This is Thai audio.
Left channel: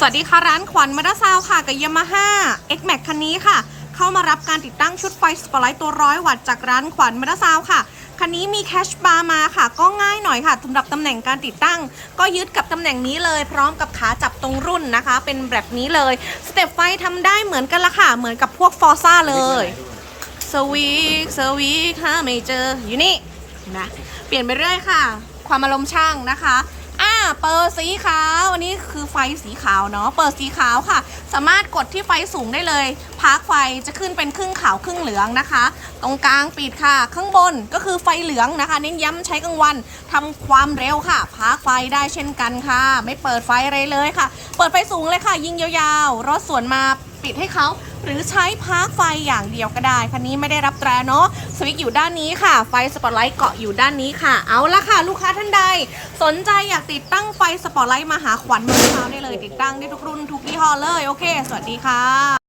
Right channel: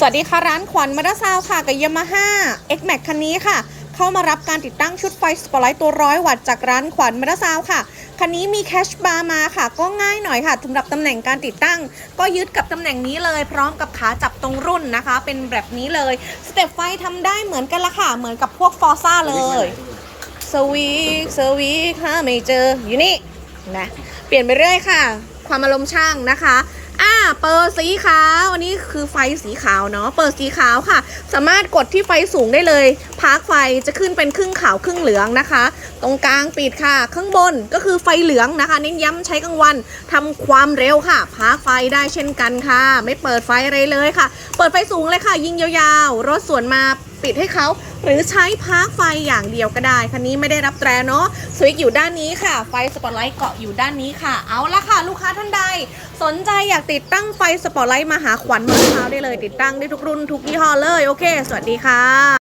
สวัสดีค่ะ ร้านขวัญมาดาซาวค่ะ กับยามาฮ่า X Max คันนี้ค่ะ เข้ามารับการติดตั้งชุดไฟสปอตไลท์ตัวร้อยวัตต์จากร้านขวัญมาดาซาวค่ะ คันนี้มีแคชบาร์มาค่ะ ก็ง่ายหน่อยค่ะสำหรับตำแหน่งการติดตั้ง ก็ยึดกับตำแหน่งนี้เลย พร้อมกับขาจับตรงรุ่นนะคะ เป็นแบบนี้เลย สเต็ปไฟทำได้เหมือนกันละค่ะ เหมือนกับพวกฟอร์ซ่าเลยสวีกสวีกค่ะไม่เจออยู่นี่นะเปลี่ยนไปเรื่อยค่ะ ความอารมณ์ช่างนะคะ เปิดสีขาวอันนี้คือไฟสีขาวเนาะเปิดสีขาวค่ะ สามารถกดที่ไฟสูงได้เลยพาร์คไฟจะขึ้นเป็นครึ่งขาวครึ่งเหลืองนะคะ ตรงกลางปิดค่ะ ข้างบนก็คือไฟเหลืองนะคะ เน้นย้ำใช้กลางวันทำความเร็วค่ะพาร์คไฟได้เช่นกันค่ะ ไม่เปิดไฟอะไรเลยค่ะ เปิดไฟสูงเลยค่ะ ยิงยาวๆรถสวนมาปิดให้เขา หรือใช้พาร์คไฟอย่างเดียวก็ได้ คันนี้ไม่ได้รับแตรเนาะสวิตช์อยู่ด้านนี้ค่ะ ไฟสปอตไลท์เกาะอยู่ด้านนี้ค่ะ เอาละค่ะ ลูกค้าท่านใด สนใจอยากติดตั้งไฟสปอตไลท์มาหาขวัญมาเช้าได้เลย ติดตั้งได้ทุกรุ่นทุกยี่ห้อเลย โอเค สวัสดีค่ะ